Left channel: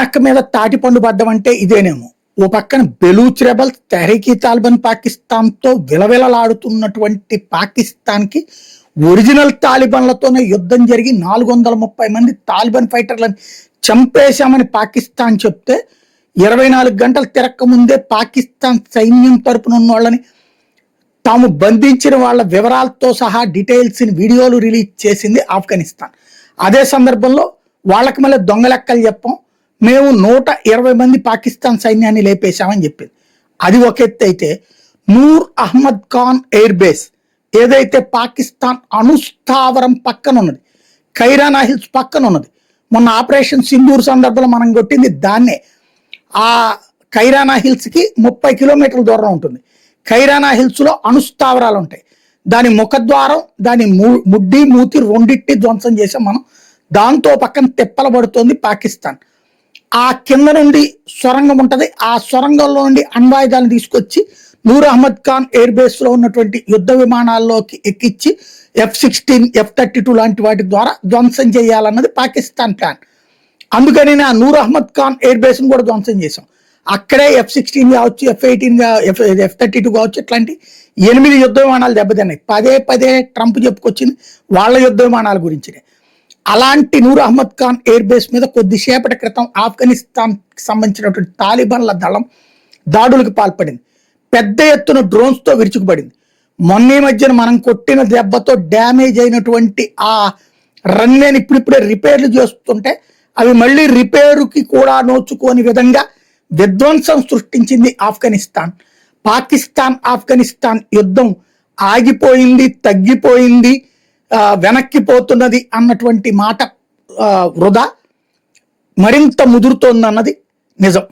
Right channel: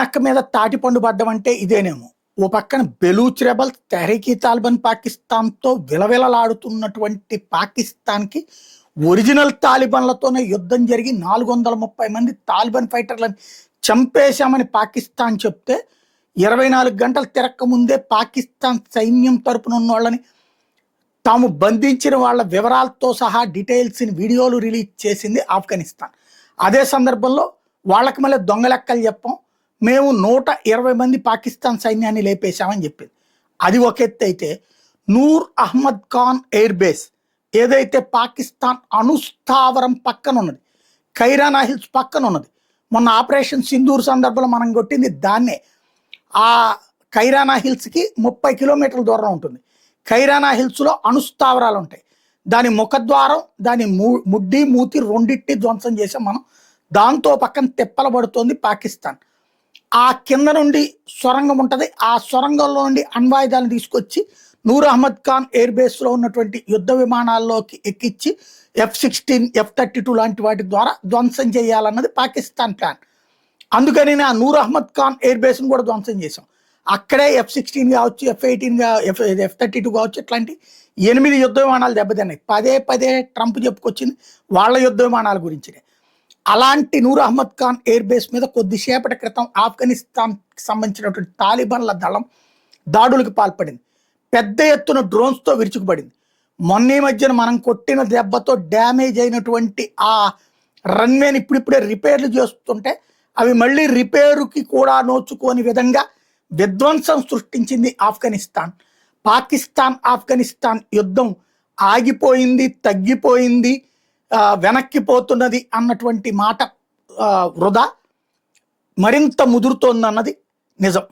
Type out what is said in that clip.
నక్క మీద తాటిపండు పడ్డం అంటే ఇదేనేమో. ఓ పక్కన బెలూచ్ రెబల్స్, తెహ్రీకి తాలిబాన్ పాకిస్తాన్తో విలవిలలాడుతున్నటువంటి పాకిస్తాన్కి ఒరిజినల్ తాలిబాన్లతోనే యుద్ధం జరిగి 430 మంది తాలిబాన్ ఫైటర్లను చంపేశామని పాకిస్తాన్ చెప్తే 24 గంటలు తిరక్క ముందే పాకిస్తాన్ సైన్యం తరపున ఉన్న వాళ్ళని తాము బంధించిన వాళ్ళ వివరాలతో సహా డీటెయిల్స్ వీడియోలు రిలీజ్ చేసింది ఆఫ్ఘనిస్తాన్. అదే సందర్భంలో వాళ్ళకి మళ్ళీ దొంగ లెక్కలు చెప్పాం, మేము 120 మంది పాకిస్తాన్ సైన్యాన్ని లేపేశామని చెప్పింది. అది ఒక ఎత్తు అయితే, నూర్ అహ్మద్ ఖాన్ ఎయిర్ బేస్ ఏదైతే పాకిస్తాన్ అణుస్థావరం పక్కన ఉన్నది, ఖైరానా హిల్స్ పక్కన ఉన్నది, మొన్న ఆపరేషన్ సింధూర్ సందర్భంలో మనం కొట్టింది దాన్నే. ఆ ఖైరానా హిల్స్కి 30 కిలోమీటర్ల దూరం ఉంటుంది. ఖైరానా హిల్స్లో అణుస్థావరాలు ఉంటాయి. దాని ముఖద్వారం, దాని ముడ్డి మూతి రెండింటిని ధ్వంసం చేసాం మనం. దాంతో పక్కన తిప్పలబడుతోంది పాకిస్తాన్. ఆ కింద నుండి సొరంగం ఉంటుంది, ఆ సొరంగంలో నుండి అణ్వాయుధాలను తీసుకొచ్చి నూర్ అహ్మద్ ఖాన్ ఎయిర్ బేస్ లో ఉన్నటువంటి యుద్ధ విమానాల్లోకి ఎక్కించి F-16, F-32 లాంటి వాటి ద్వారా ధ్వంసం చేయాలన్నది పాకిస్తాన్ ప్లాన్. అందుకని నా నూర్ అహ్మద్ ఖాన్ ఎయిర్ బేస్ ను కూడా ధ్వంసం చేశాం. అక్కడే F-16 కావచ్చు, F-18 F-32 కావచ్చు, ఇట్లాంటి 8 యుద్ధ విమానాలు దెబ్బతిన్నాయి. పదే ట్రంప్ చెప్పుకొచ్చింది వాళ్ళ యుద్ధ విమానాల గురించి. అలాంటి నూర్ అహ్మద్ ఖాన్ ఎయిర్ బేస్ మీద కొద్దిసేపటి క్రితం ఆఫ్ఘనిస్తాన్ సంబంధించినటువంటి తాలిబాన్ల దళం దాడులకు పాల్పడింది. పెద్ద ఎత్తున డ్రోన్స్ తో విరుచుకుపడింది. మొన్న మధ్యన మనం కొట్టిన దెబ్బతో డ్యామేజ్ అయినటువంటి ఆ రన్వేని ఇప్పుడిప్పుడే రిపేర్లు చేస్తుంటే అవి మళ్ళీ రిపేరుకి కూడా నోచుకోని విధంగా విధ్వంసం సృష్టించింది ఆఫ్ఘనిస్తాన్. ఆఫ్ఘనిస్తాన్ యుద్ధం ఆగిపోయింది, తగ్గిపోయింది, వెనక్కిపోతున్నది అన్నటువంటి మాట వృధా. మరింత ముదురుతోందన్నది నిజం.